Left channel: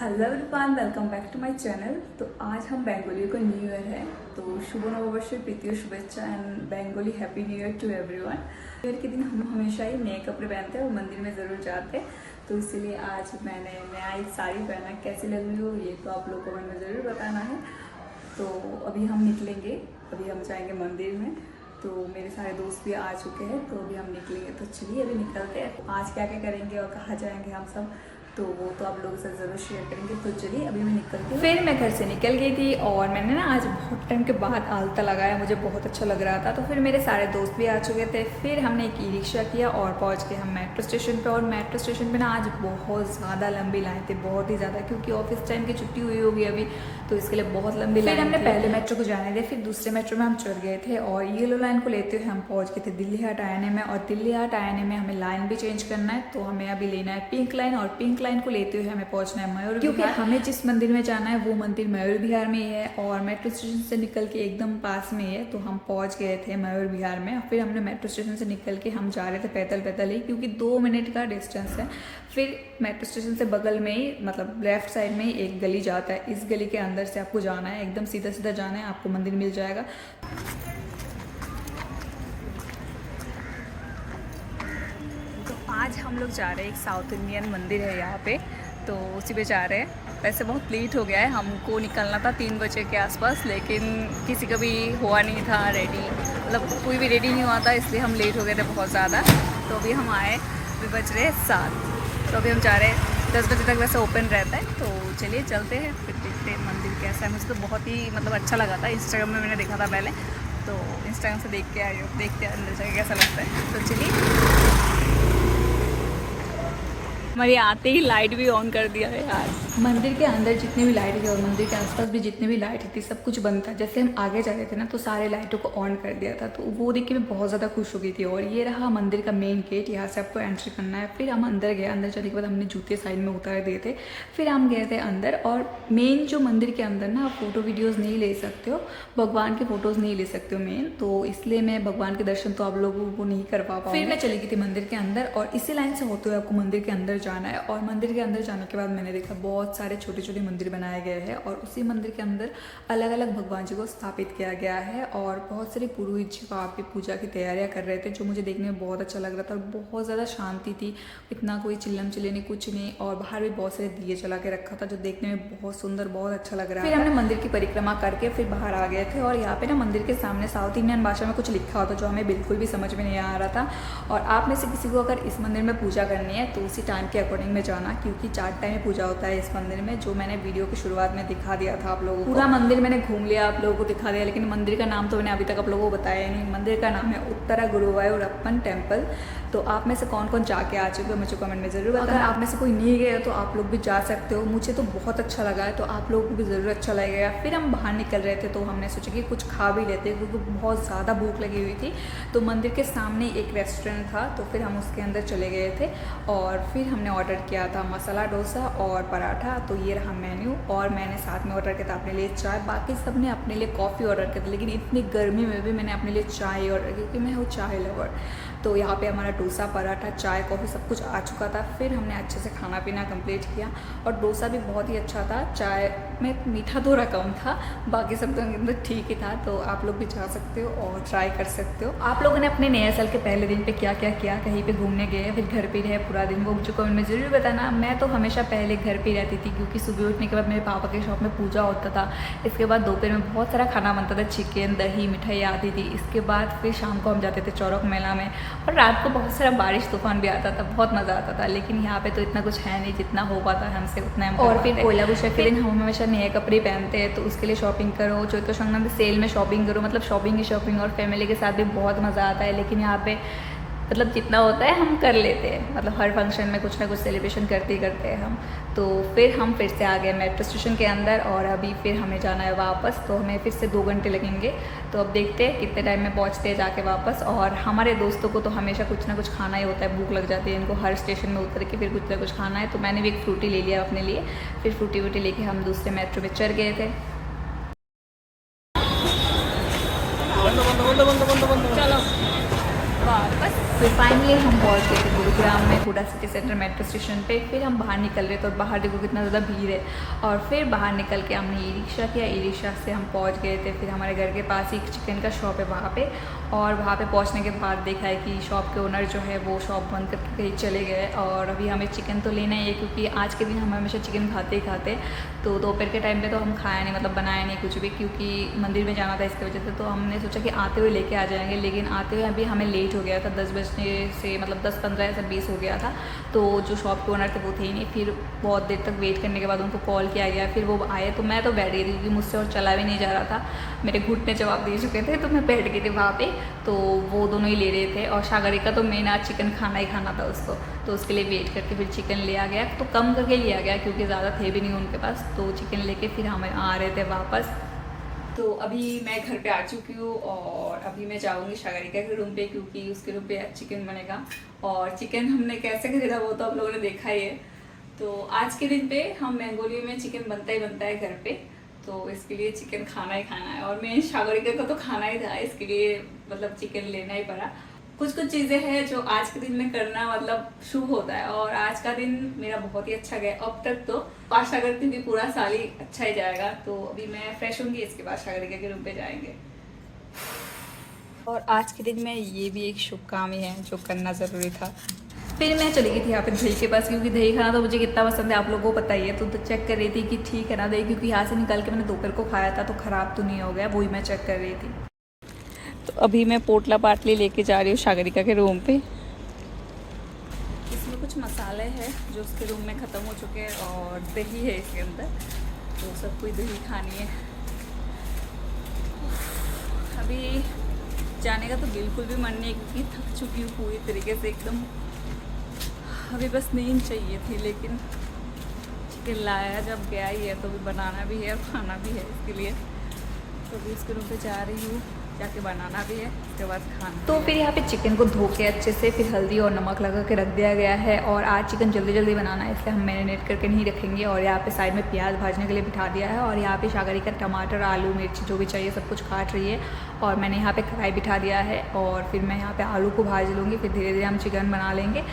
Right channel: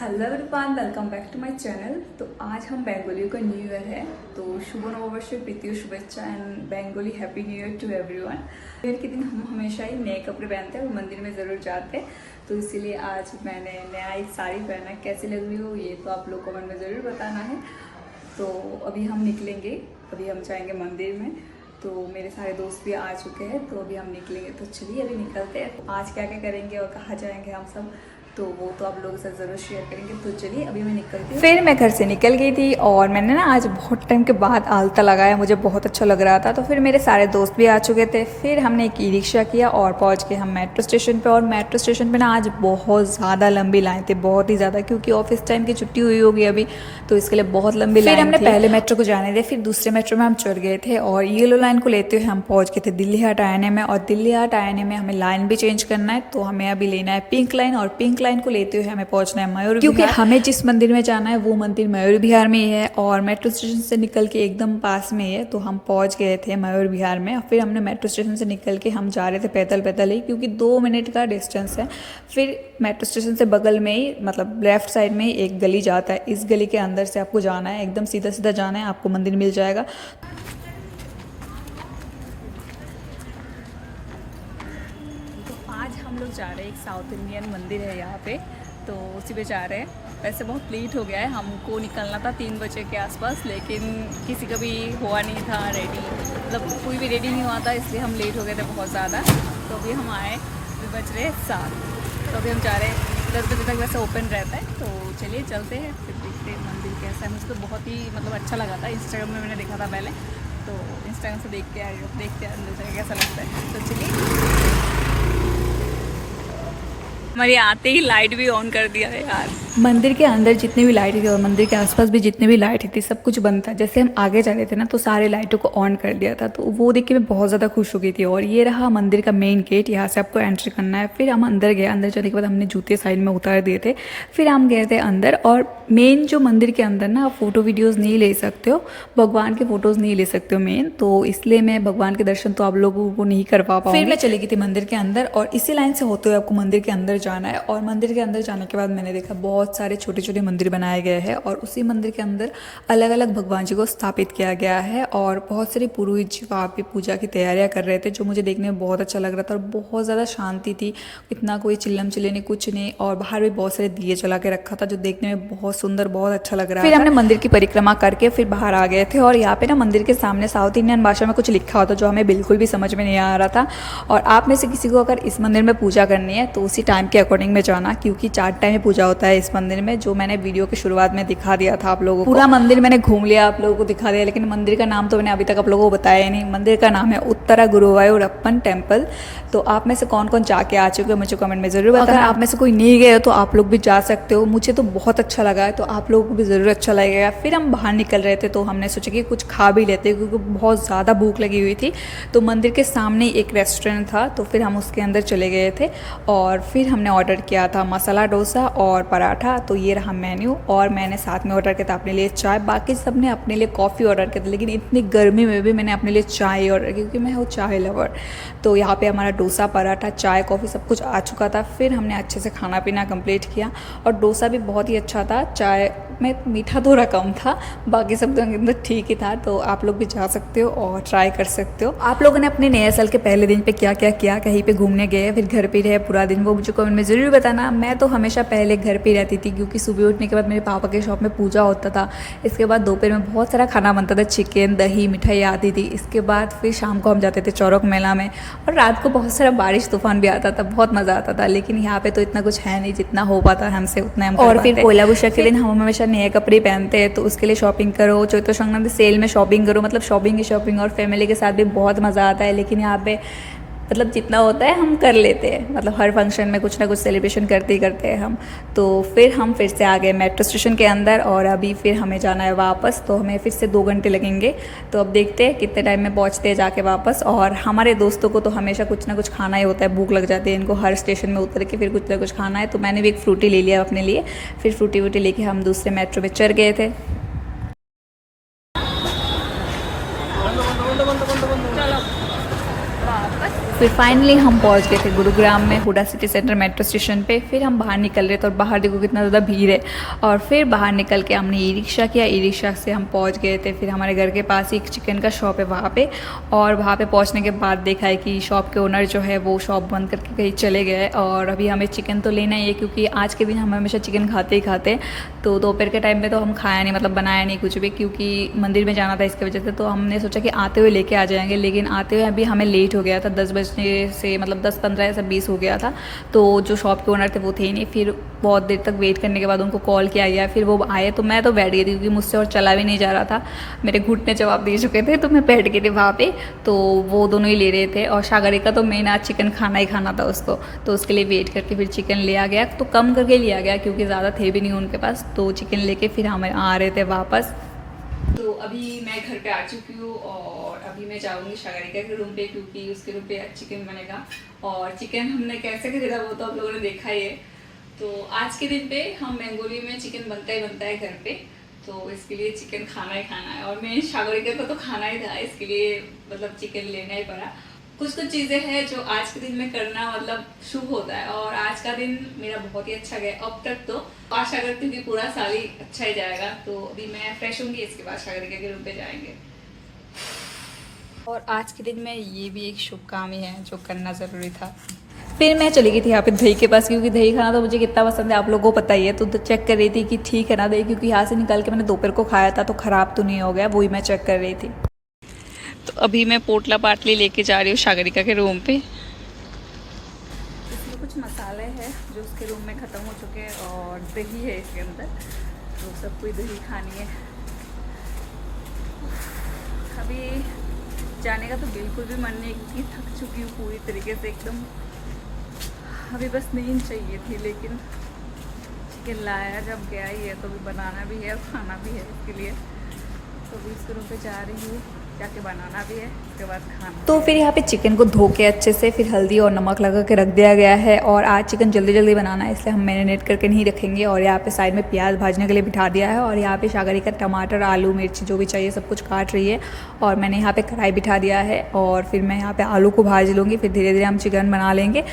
Hello everyone, welcome back to my channel. तो आज हम बेंगोली का न्यू ईयर है, तो शुभ नववर्ष, प्रीति शुभेच्छा and Bengali happy new year to everyone. New year के दिन हम हमेशा ही नए कपड़े पहनते हैं और मंदिर में ज़रूर जाते हैं, तो इसीलिए आज मैंने नया एक साड़ी पहना। कैसी लग रही हो ये तो आप लोग कमेंट में ज़रूर बताना है। तो अभी हम निकलेंगे, अभी हम जाएंगे मंदिर में। तो मेरे सारे दोस्त भी आ चुके हैं, तो अभी हम निकलेंगे। तो चलिए अभी निकलते हैं। आज क्या क्या करेंगे और कहाँ जाएंगे हम सब, तो वो तो आप लोगों के साथ ज़रूर शेयर करेंगे। तो चलिए अभी मैं निकलती हूँ। फिर मैं घर से निकल गई थी और मैंने ना आज बहुत टाइम के बाद आलता लगाया, मुझे बहुत अच्छा लग रहा था। तो फिर मेरे सारे दोस्त भी आ चुके थे। फिर हमने एक ई रिक्शा किया और पहुँच के हम मेट्रो स्टेशन पे। और मेट्रो स्टेशन पे ना आज बहुत ज़्यादा लंबी लाइन थी, बहुत ही ज़्यादा, क्योंकि ऑफिस टाइम की छुट्टी हुई होगी अभी, तो इसके लिए बहुत लंबी लाइन थी। हमने पहले मेट्रो को जाने थे, फिर दूसरे मेट्रो में हम चढ़ गए थे और येलो लाइन को लेते हुए हम पहुँच गए थे दिल्ली हाट आने में। और दिल्ली हाट आने में हमें लाइन भी चेंज करना है, तो हमें अभी लेना है पिंक लाइन, और पिंक लाइन को लेते हुए हमें पहुंचना है मयूर, क्योंकि हमें जिस मंदिर में जाना है वो मंदिर मयूर विहार में ही है और मेट्रो स्टेशन से निकल के एकदम पास में ही है। तो हम पहुंच गए थे मयूर विहार में। फिर हमने मेट्रो स्टेशन से निकल के हम जा रहे थे पैदल पैदल ही, क्योंकि 2 मिनट का डिस्टेंस है। फिर मेट्रो स्टेशन से बगल में ही, मतलब लेफ्ट साइड में ही एक गली जाता है। इस गली के अंदर से आपको जाना है, एकदम सीधा सीधा जाना है, आपको मंदिर मिल जाएगा। आज हम लोग जा रहे हैं, एक साउथ इंडियन मंदिर है यहाँ पे, तो उसी पे जा रहे हैं। वैसे बहुत लेट हो गया है, हमको निकलना था 3 बजे के आसपास, लेकिन किसी का भी हुआ नहीं था रेडी, मतलब कोई भी रेडी नहीं हुआ था, इसलिए हम लेट हो गए थे बहुत ज़्यादा। तो अभी हम आए, अभी बज रहे 7, तो अभी हम जा रहे हैं। 10 बजे तक वैसे ओपन रहता है, तो चलिए चलते हैं, फिर देखते हैं मंदिर कैसा है। मुझे तो बहुत ही मतलब अच्छा लगा था, इंस्टाग्राम में मैंने देखा था पहले, तो इंस्टाग्राम से देख के आई हूँ, देखते हैं अंदर जाके कैसा लगता है। तो चलिए, हमारे आते ही लाइट भी ऑन कर दिया है यार। मंदिर के अंदर जितने भी लाइट थी और मंदिर के आसपास भी जितने भी लाइट थी, सब कुछ बंद था। जैसे हम आगे जा रहे थे ना, तो सारे लाइटों को ऑन कर दिया था, तो वो देख के मैं बहुत ज़्यादा खुश हो गई थी। और ये रहा मंदिर का मेन गेट, यहाँ से आपको एंट्री करना है। फिर हम अंदर गए, अंदर जाने के बाद हमने जूते साइड में उतार दिए थे। फिर हम गए थे अंदर, और मेन जो मंदिर के अंदर ना आप फोटो वीडियोज़ नहीं ले सकते हो, भगवान के फोटोज़ नहीं ले सकते हो मेन, तो इसलिए मैं भगवान के दर्शन तो आप लोगों को नहीं करवा पाऊँ। फिर मैं चली गई थी मंदिर के अंदर, और इसी लाइन से होते हुए आपको मंदिर के अंदर जाना है। और मंदिर के अंदर जाने के बाद मैंने देखा बहुत सारे छोटे छोटे मंदिर बनाए गए हैं, और उसी मंदिर के अंदर अलग अलग भगवान जी को स्थापित किया गया है। और बहुत सारे पुरोहित जी वहाँ पे पूजा की तैयारियां कर रहे थे, जो मुझे देखने में बहुत अच्छा लग रहा था। और बहुत ज़्यादा शांति थी, इतना कोई चिल्लम चिल्ले नहीं, कुछ नहीं। और बाहर भी बहुत सारे दिए जला के रखा था, जो देखने में बहुत सुंदर, बहुत अच्छा लग रहा था। फिर हमने मंदिर की परिक्रमा करके फिर बाहर आ गए थे। और यहाँ पे ना मंदिर के सामने साउथ इंडियन भाषा में कुछ लिखा होता, जो हमें बिल्कुल भी समझ में नहीं आ रहा था। और आप में से किसी को अगर इस मंदिर में पूजा करनी है, तो उसी टाइम के अकॉर्डिंग में जाना, क्योंकि 4 टाइम में पूजा होता है इस मंदिर में, जो मैंने वीडियो की शुरुआत में दिखा दिया था आप लोगों को। पूरा मंदिर मैंने घूम लिया, आप लोगों को दिखा दिया, लेकिन मंदिर का नाम तो मैंने अभी तक आप लोगों को बताया नहीं। मंदिर का नाम है उत्तरा गुरुवायूरप्पन टेम्पल। तो आप में से कौन कौन जाके आ चुके हो मुझे कमेंट में ज़रूर बताना। अगर आप में से कोई नहीं गए हो तो आप लोग भी जा सकते हो, मुझे तो बहुत अच्छा लगा है, तो आप लोगों को भी ज़रूर अच्छा लगेगा। फिर हम बाहर निकल रहे थे, तो हमने सोचा कि कुछ खा भी लेते, क्योंकि बहुत ज़्यादा भूख लगी हुई थी। तो मंदिर के सामने एक रेस्टोरेंट था, तो फिर हम उसके अंदर चले गए थे। और फिर हमने ऑर्डर किया था मसाला डोसा और पराठा। तो ये रहा मेन्यू, और मैंने साथ में ऑर्डर किया था अपने लिए चाय। बाकी सब ने अपने लिए कॉफ़ी ऑर्डर किया था, लेकिन इतनी गर्मी में भी मैंने अपने लिए चाय ऑर्डर की, क्योंकि मैं हूँ चाय लवर। तो यहाँ पे हमारा डोसा, पराठा, चाय, कॉफ़ी सब कुछ आ चुका था। फिर हमने अच्छे से खाना पीना कंप्लीट किया, और डोसा भी बहुत ही अच्छा था। चाय में मीठा थोड़ा कम था, बाकी सब तो एकदम ठीक ही था। तो आप लोग भी जा सकते हो और ट्राई कर सकते हो। आप लोगों ने अपने नए साल के पहले दिन पे क्या क्या किया, कहीं पे घूमने गए, फिर घर पे रहे पूरा दिन, वो मुझे कमेंट में ज़रूर बताना। मैं तो हमेशा पहले घर पे रहती थी, क्योंकि सुबह उठने के बाद मेरे पापा के शॉप में पूजा होता था। इसके बाद दोपहर में बहुत सारा खाना बनता था, चिकन, दही, मिठाई आती थी। इसके बाद फिर शाम को हम जाते थे चौरक मेला में, और रात को बहुत सारा बारिश तूफान भी आता था, बहुत मज़ा आता था। लेकिन यहाँ पे तो इतना कुछ है नहीं, जितना हो पाता है हमसे उतना हम। और फिर पोला बुशा के दिन हम हमेशा नए कपड़े पहनते हैं, तो उसके लिए शॉपिंग करो, चौथा संगम भी सेल में शॉपिंग करो, मतलब शॉपिंग ही शॉपिंग। और फैमिली के साथ भी बहुत मज़ा आता है। लेकिन यहाँ पे मतलब जितना होता है हम कर लेते हैं, मतलब हर फंक्शन में कुछ ना कुछ सेलिब्रेशन करते ही करते हैं हम। तो फिर हम फिर से आ गए मेट्रो स्टेशन के अंदर, और अभी फिर हमें जाना है वापस, तो हमें फिर से 2 घंटे लगेंगे। तो अब देखते हैं कितने टाइम में पहुंचते हैं जाके वापस। और हमारे दोस्तों को तो हमेशा कुछ ना कुछ खाना ही होता है, भूख लग जाती है इनको, हर स्टेशन में उतर के फिर कुछ ना कुछ खाना है। तो मैंने भी एक फ्रूटी ले लिया अपने लिए, फिर फ्रूटी वूटी लेके हम दूसरे मेट्रो में चढ़ गए थे। चलो वापस फिर फाइनली हम पहुंच गए थे गुरुग्राम में Huda city centre metro station पे। फिर हम बाहर निकल रहे थे और बाहर देखो कितना ज़्यादा भीड़ है। और फिर बाहर निकल के हमने ई रिक्शा किया, ई रिक्शा से हम पहुंच गए थे। फिर हमारे घर के पास ही एक चिकन का शॉप है वहाँ पे, और वहाँ पे पहुँचने के बाद देखा है कि शॉप के ओनर जो है वो शॉप बंद करके कहीं चले गए। और अभी हमें चिकन तो लेना ही है, क्योंकि आज के दिन हम हमेशा चिकन खाते ही खाते हैं। तो दोपहर के टाइम में तो हम खाया नहीं, मतलब बनाया नहीं कुछ भी, क्योंकि मंदिर में जाना था इसकी वजह से। तो हमने सोचा कि आते हुए लेके आ जाएंगे, लेकिन आते हुए अभी हमें लेट हो गया था, 10 बजने से मतलब 10-15 ऐसा 20 हो गया था। तो जो शॉप के ओनर थे वो थे ही नहीं। फिर बहुत देर तक वेट करने के बाद उनको कॉल किया गया, फिर वो आए तो मैं तो बैठ गई थी, क्योंकि मुझसे और चला भी नहीं जा रहा था, मेरे घुटने जवाब दे चुके थे, तो मैं बैठ गई थी वहाँ पे। तो वो दोनों ही ले रहे थे, और सागरिका तो मेन आज चिकन खाना ही खाना था उसको, तो उसके लिए वेट करके फिर चिकन लिया गया। तो कम करके लिया गया, क्योंकि ज़्यादा थे भी नहीं उनके पास। तो चिकन लेके फिर हम आ रहे थे वापस। तो अभी मैं घर पे आ चुकी हूँ, और अभी मैं जाऊँगी सागरिका के रूम पे, क्योंकि उसके रूम पे चिकन बनेगा। और चिकन हमने कैसे खरीदा वो तो आप लोगों ने देखा ही है। तो आज के दिन पे हम बेंगोली में चिकन बनता ही बनता है घर पे, तो इसके लिए चिकन खाना ही खाना है। और मैं सागरिका को तो खाना ही था, इसके लिए मतलब चिकन लेना ही पड़ा। कुछ कुछ चीज़ें हैं जो आज के दिन में करना मतलब शुभ होता है, और आज का दिन मेरा बहुत ही अच्छा गया अब तक। तो आशा करती हूँ कि पूरा साल ही अच्छा ही जाएगा। तो अभी मैं फ्रेश होंगी, इसके बाद सागरिका के रूम पे जाएंगे। और आज के दिन में ये भी एक शुभ काम ही है जो करना ज़रूरी था। फिर मैं चली गई थी यहाँ पे दही के पास, क्योंकि दही खाना तो मुझे कितना पसंद है आप लोगों को पता ही है। तो चेक कर रही थी कि ठीक है ना दही, क्योंकि यहाँ से निकाल के मैंने दोपहर को खाया था, तो ख़राब तो नहीं हो गया, वही मैं चेक कर रही थी। तो अभी मैं पोटला पाटली लेके जा रही हूँ सागरिका के रूम पे। इसमें कुछ मसाले हैं जो उसके रूम में ख़त्म हो चुके हैं, और दही है इसके अंदर, तो सबको दही खानी है। अभी जाने का तो बिल्कुल भी मन नहीं, क्योंकि थक चुकी हूँ पूरी तरीके से एकदम। अभी बस नींद चाहिए थी, लेकिन चिकन लाया जब गया ही है तो अभी बनाना भी है और खाना भी है इसके लिए। तो अभी इसके रूम पे जा रही हूँ, जाके बनाना भी है, उसके बाद खाना। तो फिर यहाँ पे चिकन को धो के अच्छे से फिर हल्दी और नमक लगा के रख दिया गया है। और आज चिकन जल्दी जल्दी बनाना है, इसलिए हम मैरिनेट करके नहीं रखेंगे। और यहाँ पे साइड में प्याज भाजने के लिए बिठा दिया है, और यहाँ पे सागरिका टमाटर आलू मिर्ची जो भी चाहिए सब कुछ काट रही है। और मैंने यहाँ पे कढ़ाई बिठा दिया है, और फिर मैं यहाँ पे आलू को भाज लूँगी, फिर धीरे धीरे हम चिकन बना लेंगे।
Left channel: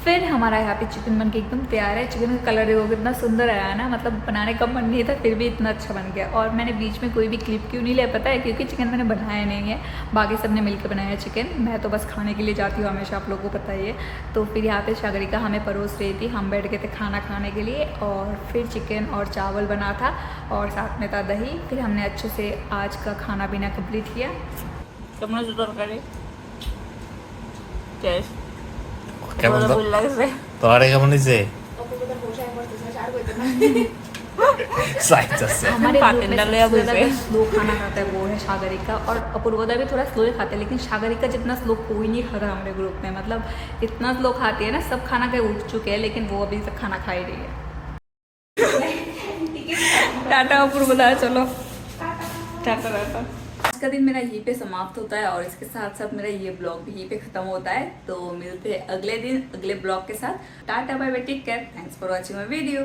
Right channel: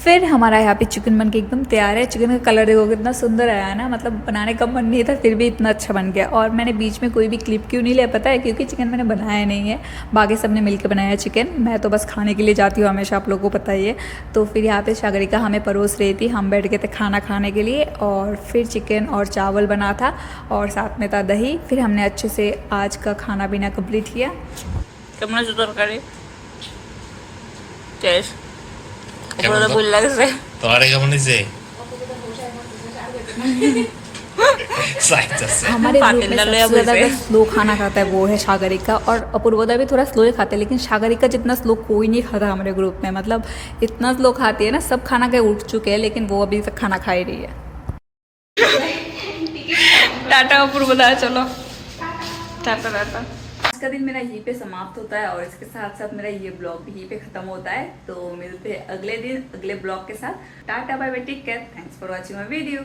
फिर हमारा यहाँ पे चिकन बन के एकदम तैयार है। चिकन का कलर देखो कितना सुंदर आया है ना, मतलब बनाने का मन नहीं था फिर भी इतना अच्छा बन गया। और मैंने बीच में कोई भी क्लिप क्यों नहीं लिया पता है, क्योंकि चिकन मैंने बनाया नहीं है, बाकी सब ने मिलकर बनाया है चिकन। मैं तो बस खाने के लिए जाती हूँ हमेशा, आप लोगों को पता ही है। तो फिर यहाँ पे सागरिका हमें परोस रही थी, हम बैठ गए थे खाना खाने के लिए। और फिर चिकन और चावल बना था, और साथ में था दही। फिर हमने अच्छे से आज का खाना पीना कम्प्लीट किया। কেমন আছে তরকারি টেস্ট কেমন পুরো ভুল লাগছে তোমারে কেমন হয়েছে চাইতেছে हमारे पातेल ग्रुप में डालो सबसे या ज़्यादा भूसे। स्लो खाना खाता है वो है सागरिका, और अपूर्वदा भी थोड़ा स्लो ही खाते हैं, लेकिन सागरिका जितना स्लो कोई नहीं खाता हमारे ग्रुप में। मतलब इतना स्लो खाती है ना, सब खाना के उठ चुके हैं, लेकिन वो अभी तक खाना खा ही रही है। टाटा अपूर्वदा चलो टाटा टाटा। आज का दिन मेरा यहीं पे समाप्त होता है, और इसके साथ साथ मेरा ये ब्लॉग भी यहीं पे खत्म होता है। तो मिलते हैं अगले दिन अगले ब्लॉग के साथ। Tata bye bye, take care, thanks for watching my video.